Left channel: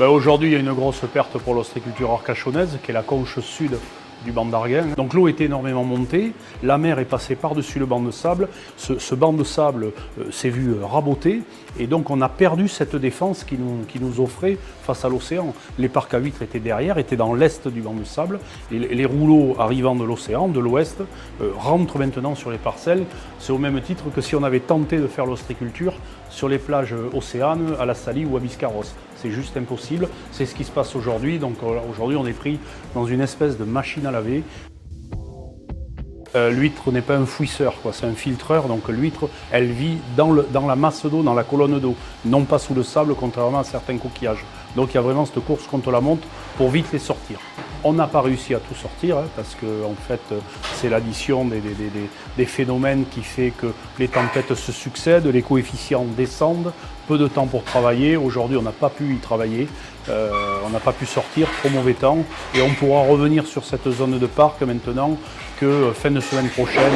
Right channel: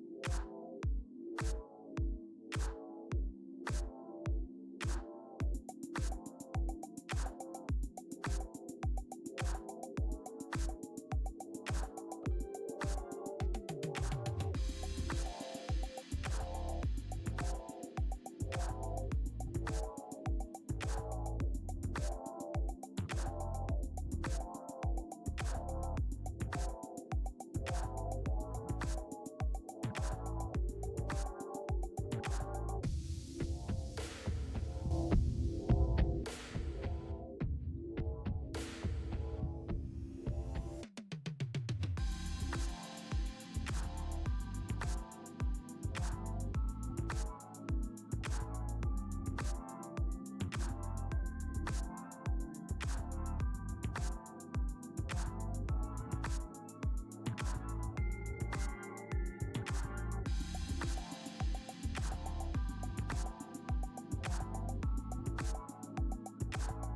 Aujourd'hui, il y a une grosse perte pour l'ostréiculture arcachonnaise, qui est la conche sud du banc d'Arguin. Donc l'eau était énormément montée, la mer est passée par-dessus le banc de sable, ce banc de sable s'est vu raboter et donc on a perdu cette défense qui nous offrait face à l'océan. Les parcs à huîtres étaient derrière, étaient dans l'est du banc de sable et les rouleaux arrivant de l'océan, de l'ouest, rentrent maintenant sur les parcelles. C'est au même titre que si on avait tenté de faire l'ostréiculture sur les plages océanes, à la Salie ou à Biscarrosse. C'est juste impossible, c'est ce qui se passe aujourd'hui. Donc aujourd'hui on est pris dans une espèce de machine à laver. L'huître n'est pas un fouisseur, c'est un filtreur, donc l'huître elle vit dans la masse d'eau, dans la colonne d'eau, non pas sous le sable contrairement à certains coquillages. Donc il y a vraiment cette course contre la montre pour vite les sortir. On n'a pas réussi à tout sortir parce que en fait c'est l'addition des phénomènes qui fait que les tempêtes se succèdent, les coefficients descendent, peu de temps pour travailler. Aujourd'hui on n'a pas pu y travailler, on n'a pas pu sortir, trop mauvais temps et on pourra revenir sur cette zone de parc maintenant que fin de semaine prochaine.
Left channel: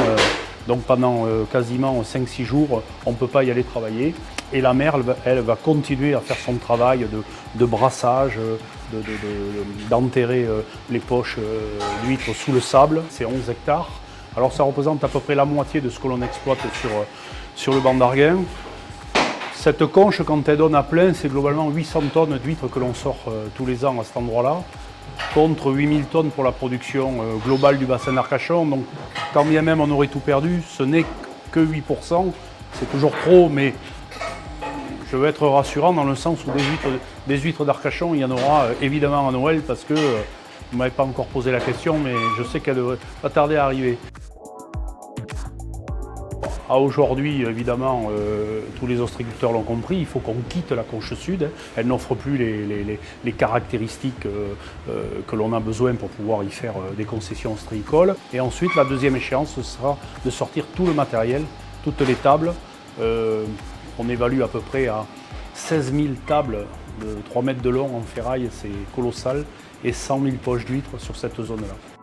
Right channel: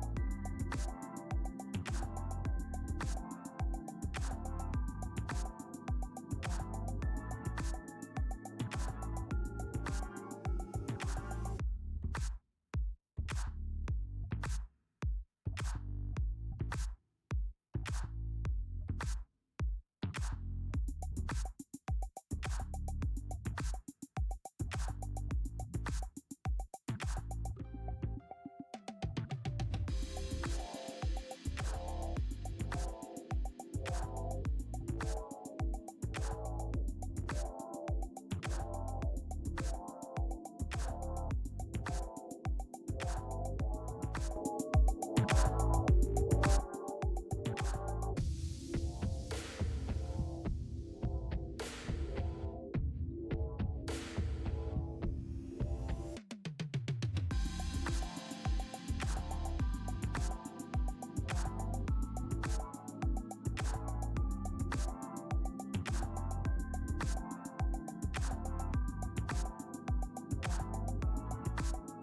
Donc pendant quasiment 5-6 jours, on ne peut pas y aller travailler. Et la mer, elle va continuer à faire son travail de brassage, d'enterrer les poches d'huîtres sous le sable. C'est 11 hectares. Alors ça représente à peu près la moitié de ce que l'on exploite sur le banc d'Arguin. Cette conche, quand elle donne à plein, c'est globalement 800 tonnes d'huîtres que l'on sort tous les ans à cet endroit-là, contre 8000 tonnes pour la production globale du bassin d'Arcachon. Donc quand bien même on aurait tout perdu, ce n'est que 8%, c'est toujours trop, mais je veux être rassurant dans le sens où des huîtres d'Arcachon, il y en aura évidemment à Noël, parce que vous ne m'avez pas encore posé la question, mais je sais qu'elle va tarder à arriver. Aujourd'hui, évidemment, tous les ostréiculteurs l'ont compris, il faut qu'on quitte la conche sud. Elle n'offre plus les caractéristiques que l'on a besoin pour pouvoir y faire des concessions ostréicoles. Et ensuite, la deuxième échéance, ce sera de sortir tout le matériel, toutes les tables. On évalue à peu près à 16 000 tables de 3 mètres de long en ferraille, c'est colossal, et 100 000 poches d'huîtres sur cette zone-là.